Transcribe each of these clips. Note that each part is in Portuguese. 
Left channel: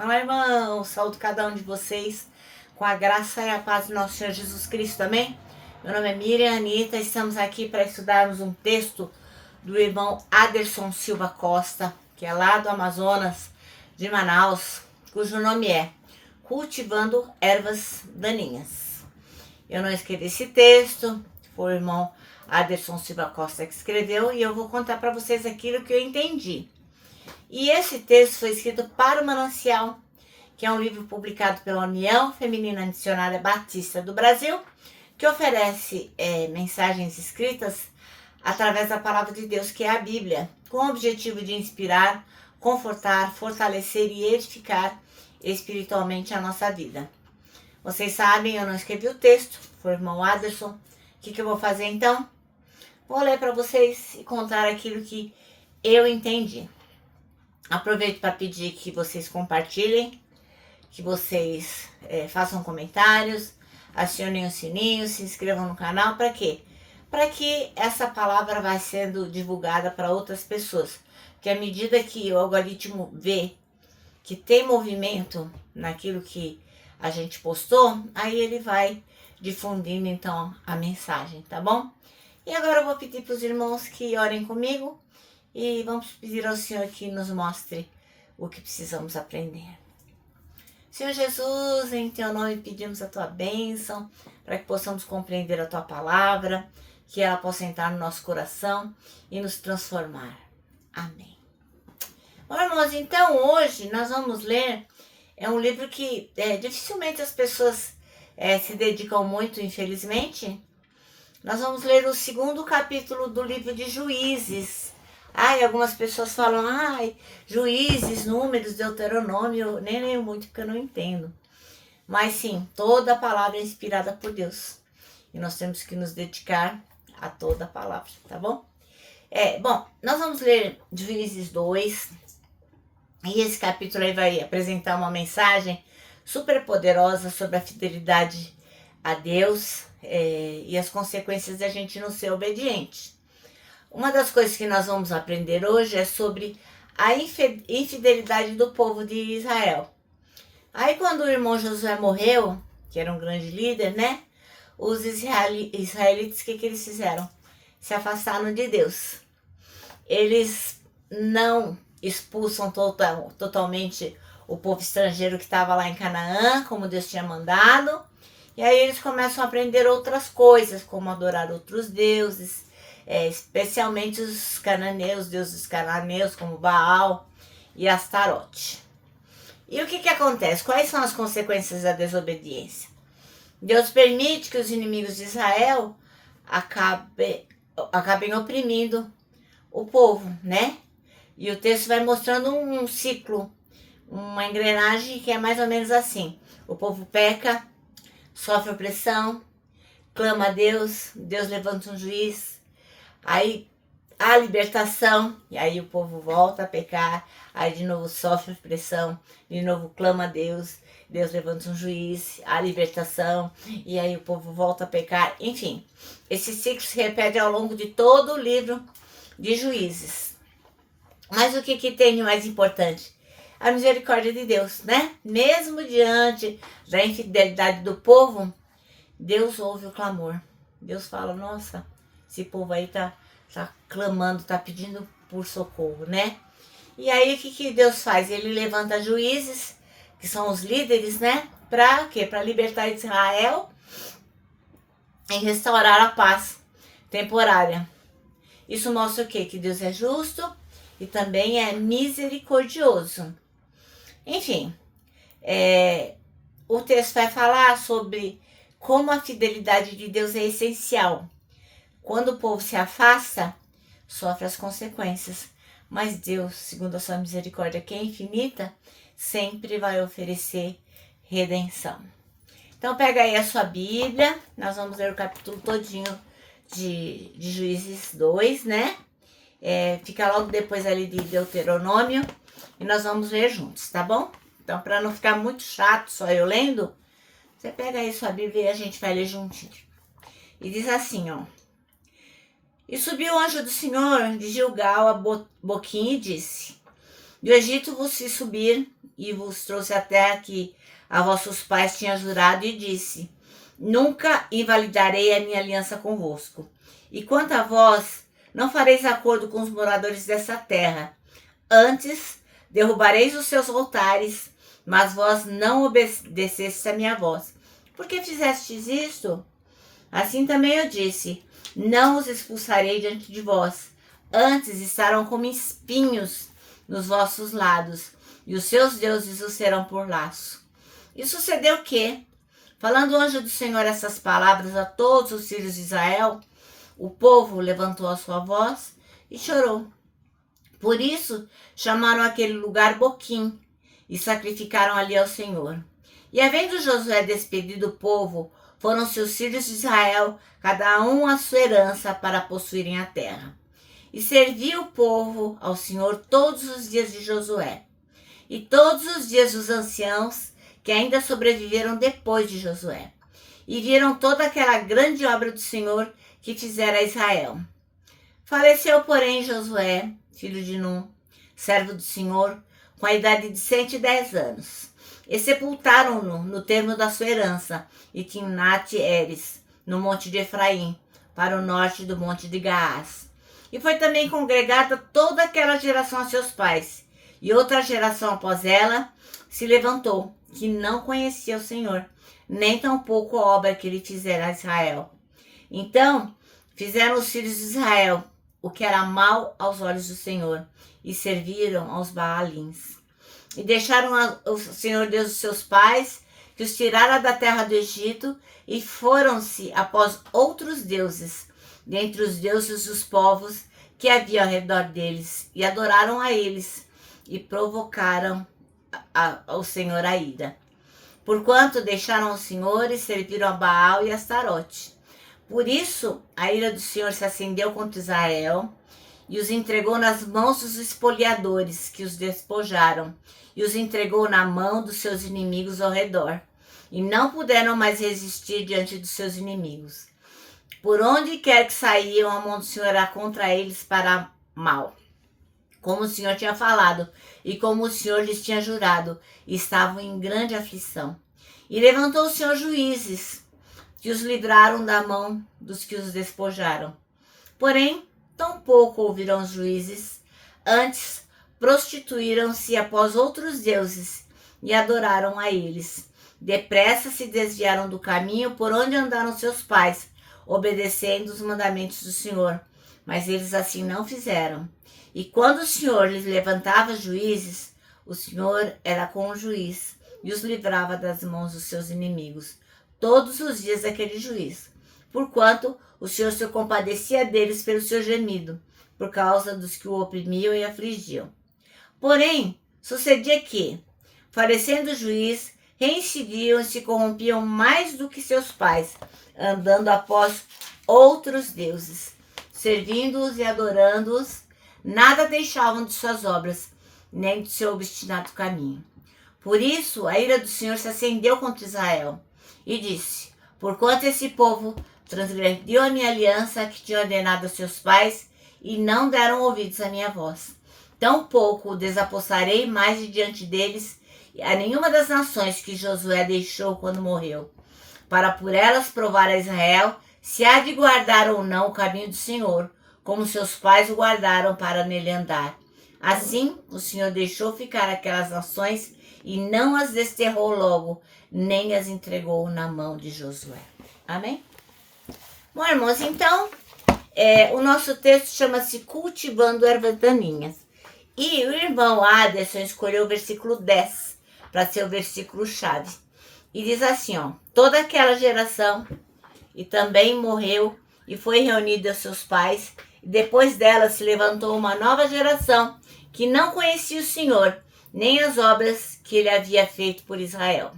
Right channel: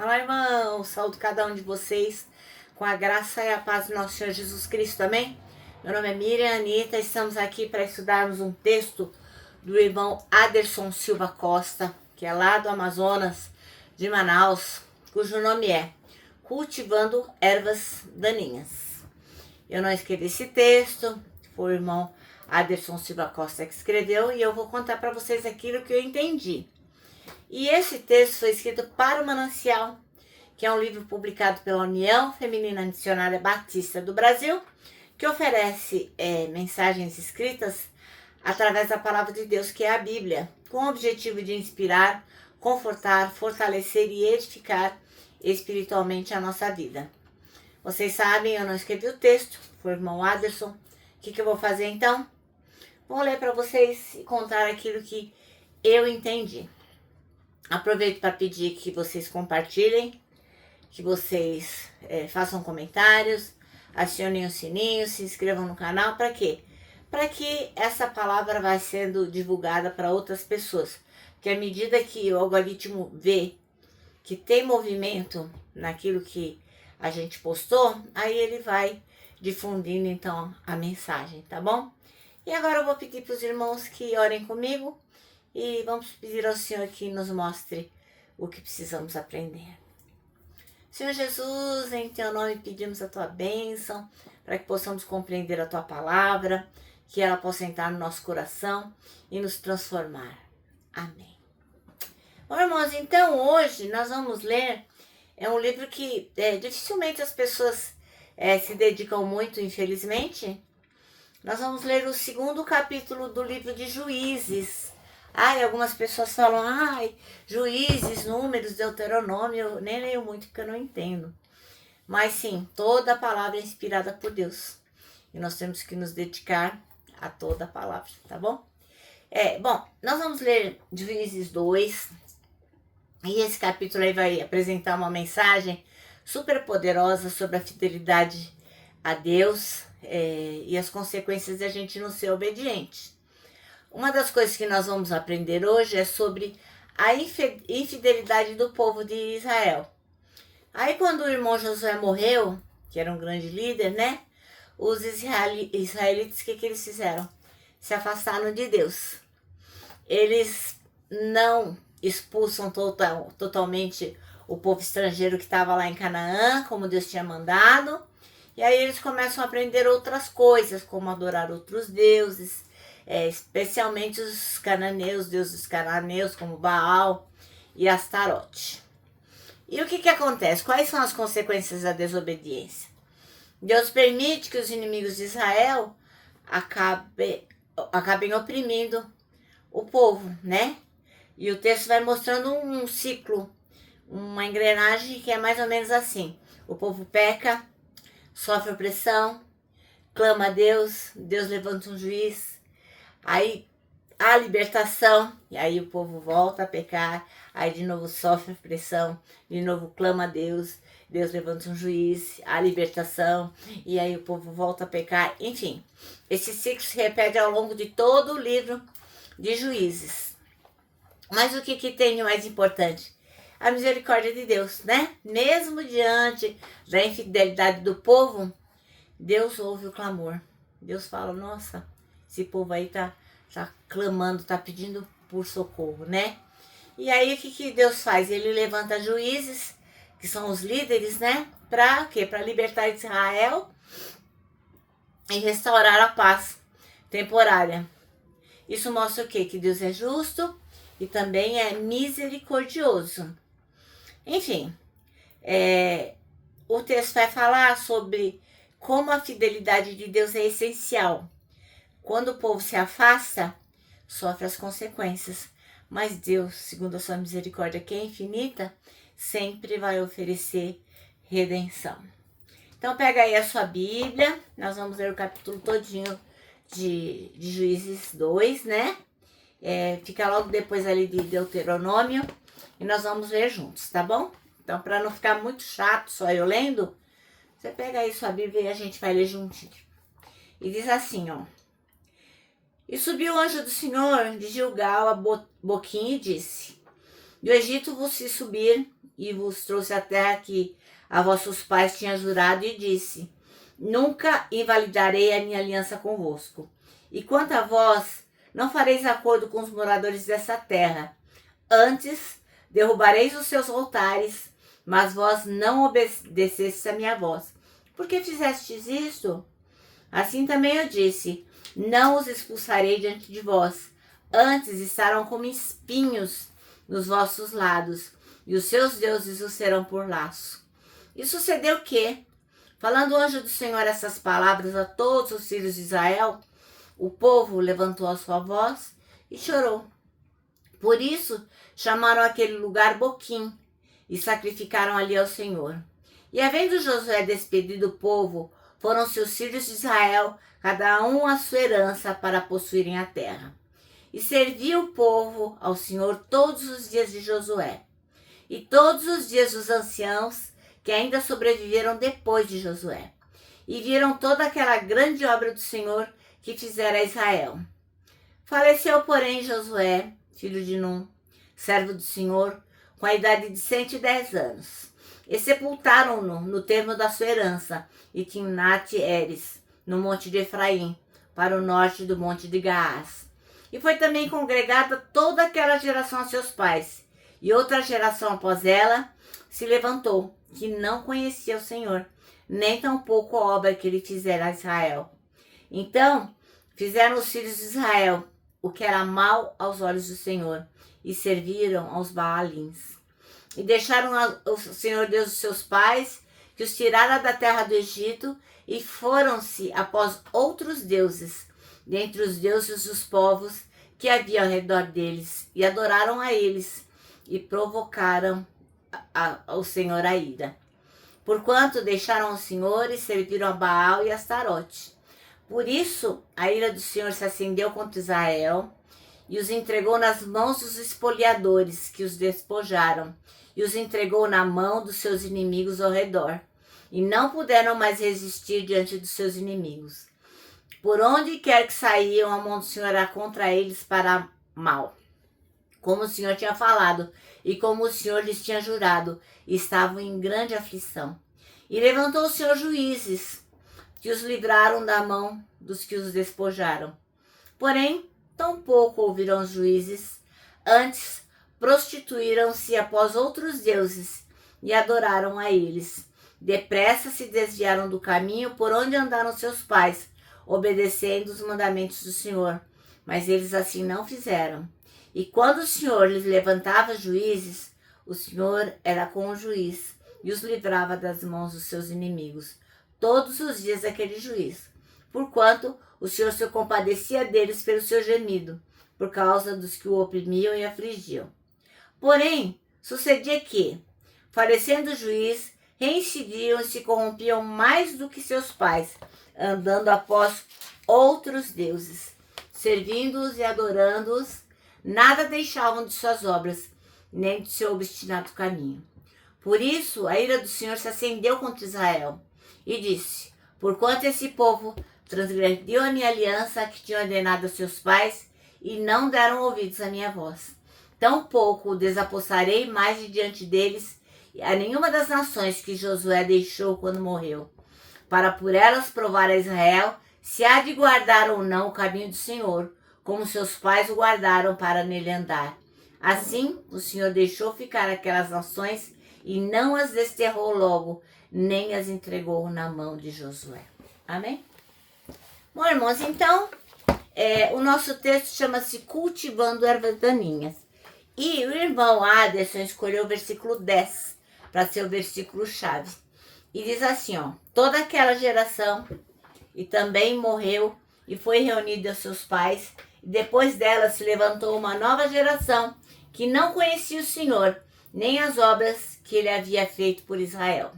Olá, irmão, saúdo cada um de vocês com a graça e a paz do nosso Senhor Jesus Cristo, amém? Meu nome é Miriam Anitta, estamos aqui para estudarmos um texto do irmão Aderson Silva Costa, que é lá do Amazonas, de Manaus, cujo nome é Cultivando Ervas Daninhas. Eu não escrevi esse texto, foi o irmão Aderson Silva Costa que escreveu e eu vou contar para vocês aquilo que eu entendi. E esse texto foi escrito para o Manancial, que é um livro publicado pela União Feminina Missionária Batista do Brasil, que oferece mensagens escritas através da palavra de Deus, que é a Bíblia, com o objetivo de inspirar, confortar, fortalecer e edificar espiritualmente a nossa vida. Vocês sabem, eu não escrevi o texto, foi o irmão Aderson. O que eu vou fazer então? Vou ler para vocês e contar aquilo que eu entendi. Aproveito para pedir que vocês compartilhem, que vocês façam comentários, acionem o sininho, se inscrevam no canal. Para quê? Para que essa palavra vá sendo divulgada para outras pessoas. Que à medida que o algoritmo vê que tem movimento naquilo que a gente postou, aí ele vai difundindo então a mensagem, tá bom? E agora eu vou pedir para os irmãos que orem comigo. E vamos pedir ao Senhor que nos mostre o que precisamos aprender. Senhor Jesus, em Teu nome pedimos a Tua bênção, para que possamos compreender a Tua palavra, que ela possa entrar no nosso coração e nos transformar. Amém. Bom, irmãos, então hoje nós vamos ler, é um livro que dificilmente as pessoas se dedicam muito, infelizmente. Nós vamos ler o 2º capítulo do livro de Juízes. Algumas pessoas falam, Juízes, Números, Deuteronômio, eu nem leio muito porque eu não entendo. Mas sim, toda a palavra é inspirada por Deus. E nós temos que nos dedicar a toda a palavra, tá bom? Nós vamos ler Juízes 2. E esse capítulo aí vai apresentar uma mensagem super poderosa sobre a fidelidade a Deus e as consequências de a gente não ser obediente. Uma das coisas que nós vamos aprender hoje é sobre a infidelidade do povo de Israel. Aí quando o irmão Josué morreu, que era um grande líder, né? Os israelitas, o que eles fizeram? Se afastaram de Deus. Eles não expulsam totalmente o povo estrangeiro que estava lá em Canaã, como Deus tinha mandado. E aí eles começam a aprender outras coisas, como adorar outros deuses, especialmente os cananeus, deuses cananeus, como Baal e Astarote. E o que acontece? Quais são as consequências da desobediência? Deus permite que os inimigos de Israel acabem oprimindo o povo, né? E o texto vai mostrando um ciclo, uma engrenagem que é mais ou menos assim. O povo peca, sofre opressão, clama a Deus, Deus levanta um juiz, aí a libertação, e aí o povo volta a pecar, aí de novo sofre opressão, de novo clama a Deus, Deus levanta um juiz, a libertação, e aí o povo volta a pecar. Enfim, esse ciclo se repete ao longo de todo o livro de Juízes. Mas o que tem de mais importante? A misericórdia de Deus, né? Mesmo diante da infidelidade do povo, Deus ouve o clamor. Deus fala, nossa, esse povo aí tá clamando, tá pedindo por socorro, né? E aí o que Deus faz? Ele levanta juízes, que são os líderes, né? Para quê? Para libertar Israel e restaurar a paz temporária. Isso mostra o quê? Que Deus é justo e também é misericordioso. Enfim, o texto vai falar sobre como a fidelidade de Deus é essencial. Quando o povo se afasta, sofre as consequências. Mas Deus, segundo a sua misericórdia, que é infinita, sempre vai oferecer redenção. Então pega aí a sua Bíblia, nós vamos ler o capítulo todinho de Juízes 2, né? Fica logo depois ali de Deuteronômio e nós vamos ler juntos, tá bom? Então, para não ficar muito chato só eu lendo, você pega aí sua Bíblia e a gente vai ler juntinho. E diz assim, ó. E subiu o anjo do Senhor de Gilgal a Boquim e disse: Do Egito vos fiz subir e vos trouxe a terra que a vossos pais tinha jurado, e disse: nunca invalidarei a minha aliança convosco. E quanto a vós, não fareis acordo com os moradores dessa terra. Antes, derrubareis os seus altares, mas vós não obedecestes a minha voz. Por que fizestes isto? Assim também eu disse: não os expulsarei diante de vós. Antes estarão como espinhos nos vossos lados, e os seus deuses os serão por laço. E sucedeu que, falando o anjo do Senhor essas palavras a todos os filhos de Israel, o povo levantou a sua voz e chorou. Por isso chamaram aquele lugar Boquim e sacrificaram ali ao Senhor. E havendo Josué despedido o povo, foram-se os filhos de Israel, cada um a sua herança, para possuírem a terra. E serviu o povo ao Senhor todos os dias de Josué, e todos os dias dos anciãos que ainda sobreviveram depois de Josué, e viram toda aquela grande obra do Senhor que fizera a Israel. Faleceu, porém, Josué, filho de Num, servo do Senhor, com a idade de 110 anos. E sepultaram-no no termo da sua herança, em Timnat-Heres, no monte de Efraim, para o norte do monte de Gaás. E foi também congregada toda aquela geração a seus pais. E outra geração após ela se levantou, que não conhecia o Senhor, nem tampouco a obra que ele fizera a Israel. Então fizeram os filhos de Israel o que era mal aos olhos do Senhor, e serviram aos Baalins. E deixaram o Senhor Deus dos seus pais, que os tirara da terra do Egito, e foram-se após outros deuses, dentre os deuses dos povos que havia ao redor deles, e adoraram a eles, e provocaram ao Senhor a ira. Porquanto deixaram o Senhor e serviram a Baal e a Astarote. Por isso, a ira do Senhor se acendeu contra Israel, e os entregou nas mãos dos espoliadores, que os despojaram, e os entregou na mão dos seus inimigos ao redor, e não puderam mais resistir diante dos seus inimigos. Por onde quer que saíam, a mão do Senhor era contra eles para mal, como o Senhor tinha falado, e como o Senhor lhes tinha jurado, e estavam em grande aflição. E levantou o Senhor juízes, que os livraram da mão dos que os despojaram. Porém, tampouco ouviram os juízes, antes prostituíram-se após outros deuses e adoraram a eles. Depressa se desviaram do caminho por onde andaram seus pais, obedecendo os mandamentos do Senhor. Mas eles assim não fizeram. E quando o Senhor lhes levantava juízes, o Senhor era com o juiz e os livrava das mãos dos seus inimigos todos os dias daquele juiz, porquanto o Senhor se compadecia deles pelo seu gemido, por causa dos que o oprimiam e afligiam. Porém, sucedia que, falecendo o juiz, reincidiam e se corrompiam mais do que seus pais, andando após outros deuses, servindo-os e adorando-os, nada deixavam de suas obras, nem de seu obstinado caminho. Por isso, a ira do Senhor se acendeu contra Israel, e disse: porquanto esse povo transgrediu a minha aliança que tinha ordenado a seus pais, e não deram ouvidos à minha voz, tampouco o desapossarei mais de diante deles a nenhuma das nações que Josué deixou quando morreu, para por elas provar a Israel se há de guardar ou não o caminho do Senhor, como seus pais o guardaram para nele andar. Assim, o Senhor deixou ficar aquelas nações e não as desterrou logo, nem as entregou na mão de Josué. Amém? Bom, irmãos, então, o nosso texto chama-se Cultivando Ervas Daninhas. E o irmão Aderson escolheu o versículo 10 para ser o versículo-chave. E diz assim, ó: toda aquela geração e também morreu e foi reunida aos seus pais, e depois dela se levantou uma nova geração que não conhecia o Senhor, nem as obras que ele havia feito por Israel.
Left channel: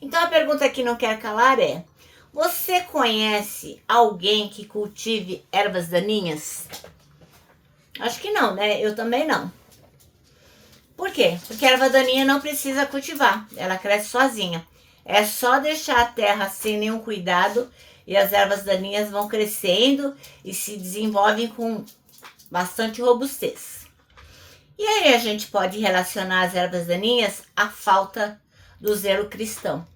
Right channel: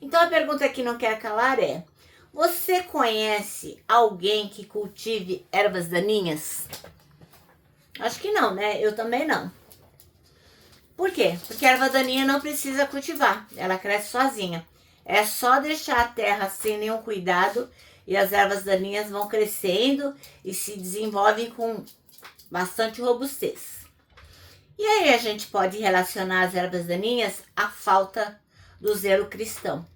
Então a pergunta que não quer calar é: você conhece alguém que cultive ervas daninhas? Acho que não, né? Eu também não. Por quê? Porque a erva daninha não precisa cultivar, ela cresce sozinha. É só deixar a terra sem nenhum cuidado e as ervas daninhas vão crescendo e se desenvolvem com bastante robustez. E aí a gente pode relacionar as ervas daninhas à falta do zelo cristão.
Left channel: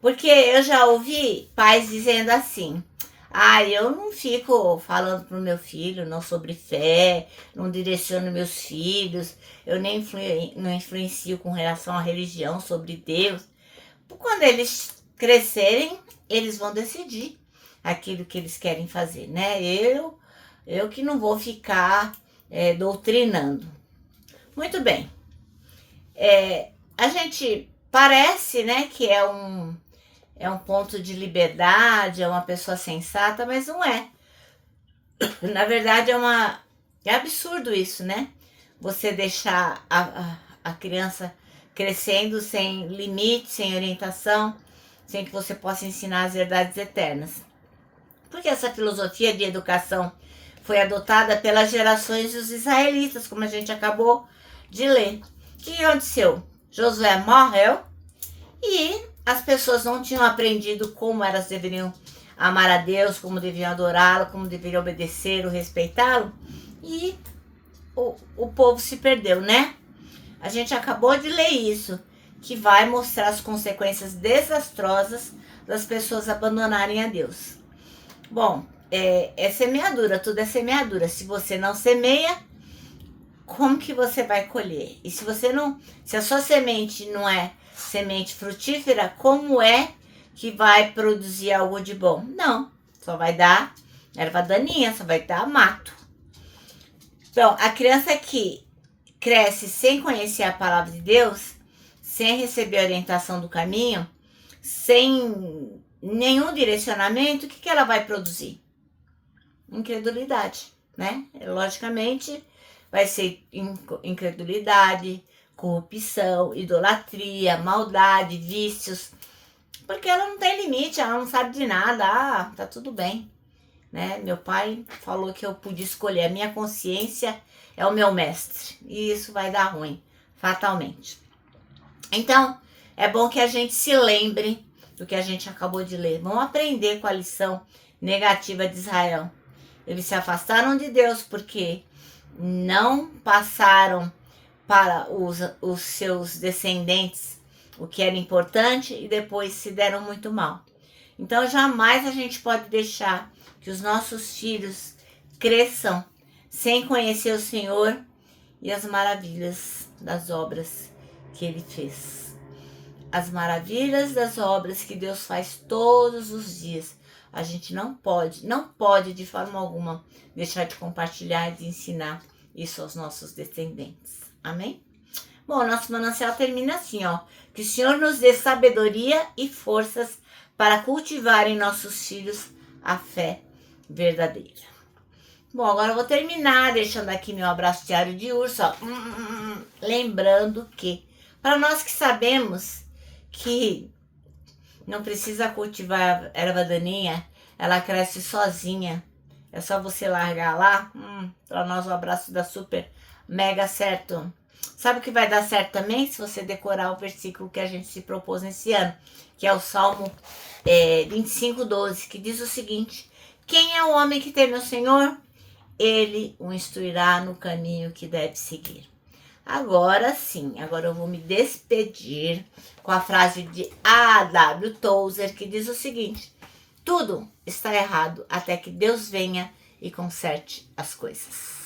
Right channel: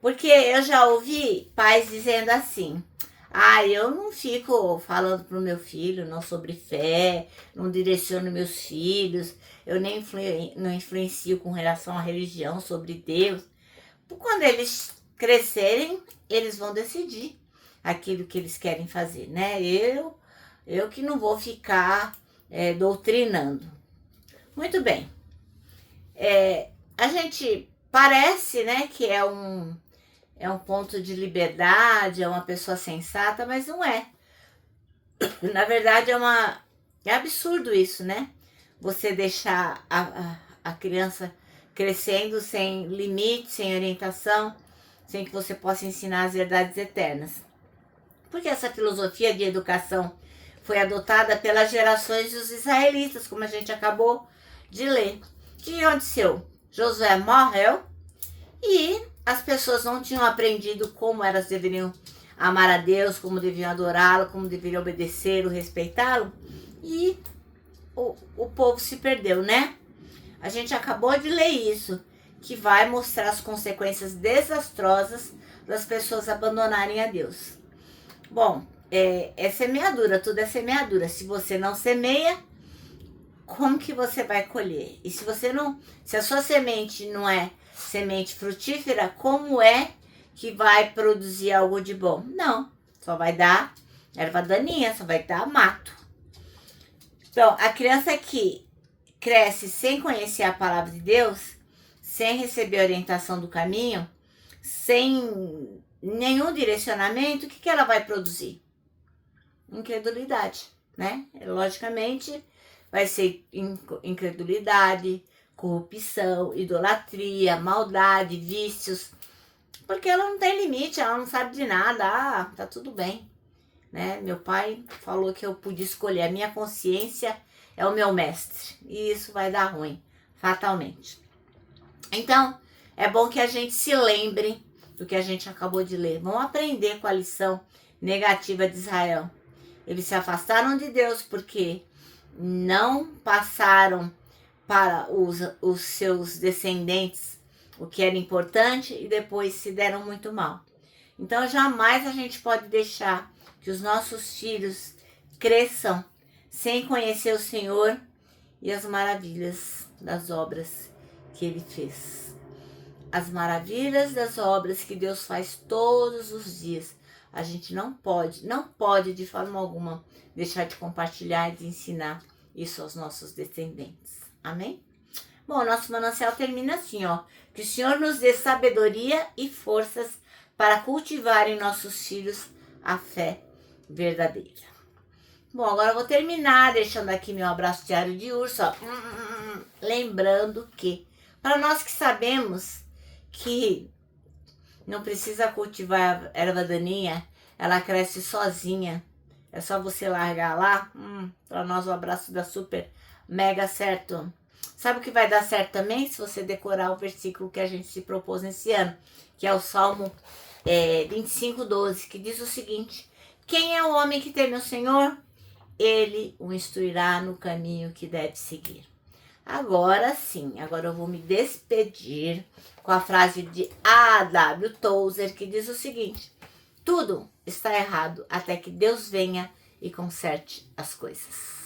Porque eu já ouvi pais dizendo assim: eu não fico falando pro meu filho não sobre fé, não direciono meus filhos, eu nem não influencio com relação à religião sobre Deus. Quando eles crescerem, eles vão decidir aquilo que eles querem fazer, né? Eu que não vou ficar doutrinando. Muito bem. A gente parece, né, que é um ponto de liberdade, é uma pessoa sensata, mas não é. Na verdade, é absurdo isso, né? Você deixar a criança crescendo sem limite, sem orientação, sem que você possa ensinar as verdades eternas. Porque essa filosofia de educação foi adotada pelas gerações dos israelitas, como a gente acabou de ler. O que aconteceu? Josué morreu e as pessoas não tinham aprendido como elas deveriam amar a Deus, como deviam adorá-lo, como deveriam obedecê-lo, respeitá-lo. E o povo se perdeu, né? A gente acabou de ler isso, que vai mostrar as consequências desastrosas das pessoas abandonarem a Deus. Bom, é semeadura, tudo é semeadura. Se você não semeia, como que você vai colher? E se a sua semente não é semente frutífera, como é que vai produzir algo de bom? Não, só vai dar erva daninha, só vai dar mato. Então, a criança que cresce sem conhecer a palavra de Deus, sem receber a orientação do caminho, sem nenhum direcionamento, o que ela vai produzir? Incredulidade, né? Logicamente, vai ser incredulidade, corrupção, idolatria, maldade, vícios, porque ela não tem limite, ela não sabe de nada. Tá tudo bem, né? Meu pai falou que eu podia escolher, a minha consciência é o meu mestre, e isso vai dar ruim, fatalmente. Então, é bom que a gente se lembre do que a gente acabou de ler. Vamos aprender com a lição negativa de Israel. Eles se afastaram de Deus porque não passaram para os seus descendentes o que era importante e depois se deram muito mal. Então, jamais a gente pode deixar que os nossos filhos cresçam sem conhecer o Senhor e as maravilhas das obras que Ele fez. As maravilhas das obras que Deus faz todos os dias. A gente não pode de forma alguma deixar de compartilhar e de ensinar isso aos nossos descendentes. Amém? Bom, nosso manancial termina assim, ó. Que o Senhor nos dê sabedoria e forças para cultivar em nossos filhos a fé verdadeira. Bom, agora eu vou terminar deixando aqui meu abraço diário de urso, ó. Lembrando que, para nós que sabemos que não precisa cultivar erva daninha, ela cresce sozinha. É só você largar lá. Para nós o abraço dá super mega certo. Sabe o que vai dar certo também? Se você decorar o versículo que a gente se propôs nesse ano, que é o Salmo 25:12, que diz o seguinte: quem é o homem que teme o Senhor? Ele o instruirá no caminho que deve seguir. Agora sim, agora eu vou me despedir com a frase de A.W. Tozer, que diz o seguinte: tudo está errado até que Deus venha e conserte as coisas.